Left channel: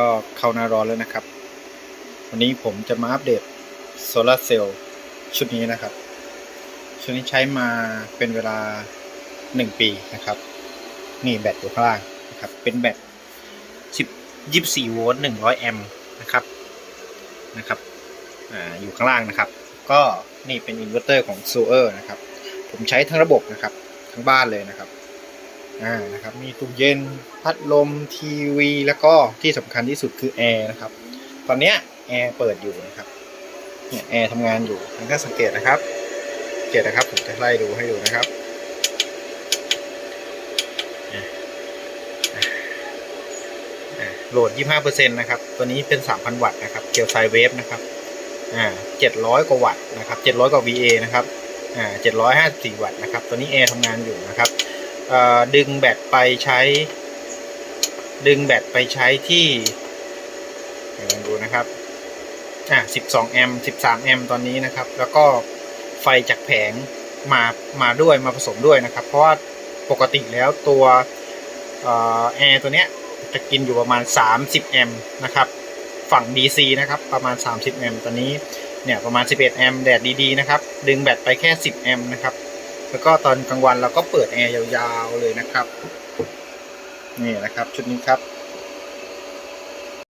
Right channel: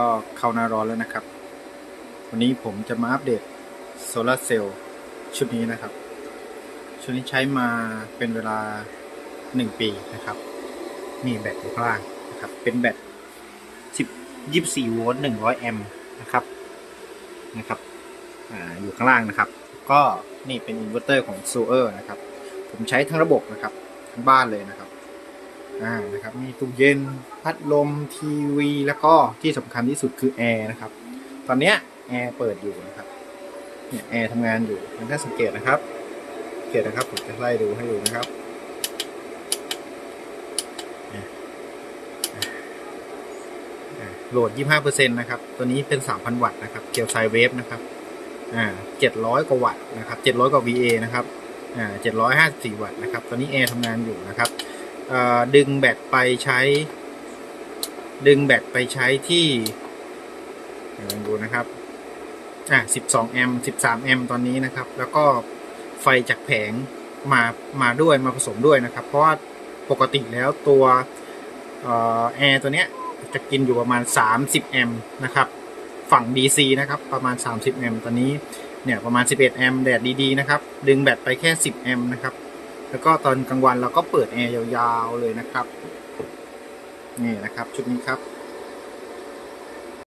ก็เข้าหน้าร้อนแล้วนะครับ วันนี้ผมจะมาอัปเดตโซลาร์เซลล์ชุดนี้นะครับ ชุดนี้ใช้มาเป็นเวลา 1 ปีนะครับ นี่แบตอยู่ข้างล่างนะครับ เป็นแบต10 24โวลต์100 แอมป์นะครับนะครับอ่าอยู่ข้างล่างนะครับ ก็นี่เป็นอินเวอร์เตอร์ของโซเออร์นะครับ ผมใช้ทั้งระบบนะครับ ทั้งบ้านเลยนะครับ อ่านะครับมีตู้เย็นพัดลมทีวี แล้วก็ที่สำคัญที่สุดคือแอร์นะครับ ตอนเนี้ยแอร์เปิดอยู่นะครับเนี่ยแอร์ทำงานอยู่ท่านก็สังเกตนะครับสังเกตนะครับผมจะไล่ดูให้ดูนะครับอะอะอะโหลด 25%นะครับ ตัวนี้เป็น 3,000 วัตต์นะครับ เกียวไซเวฟนะครับ อ่า 700 กว่าวัตต์นะครับ 700 กว่า VA นะครับ อ่า 754 วัตต์นะครับ ตัวนี้แอร์ทำงานอยู่นะครับ ดึงแบตไปใช้ ดึงแบตไปใช้ที่ลองดูนะครับ อ่า12 แอมป์ 13 แอมป์ตอนนี้นะครับ แล้วก็ไฟจากแผงมา มาด้วย มาผสมด้วยนะครับ เพราะว่าปกติแล้วตัวแอร์ตัวเนี้ยจะกินอยู่ประมาณ 30 แอมป์นะครับ ฝั่ง DC นะครับ ประมาณ 30 แอมป์ ตอนนี้ เนี่ย ประมาณ 11 แอมป์ แดดดีๆ นะครับ ดึงแบตไปแค่ 10 แอมป์นะครับ แล้วก็ตอนกลางวันเราก็เปิดแอร์ยาวๆเลยนะครับ นี่นะครับชุดนี้ครับ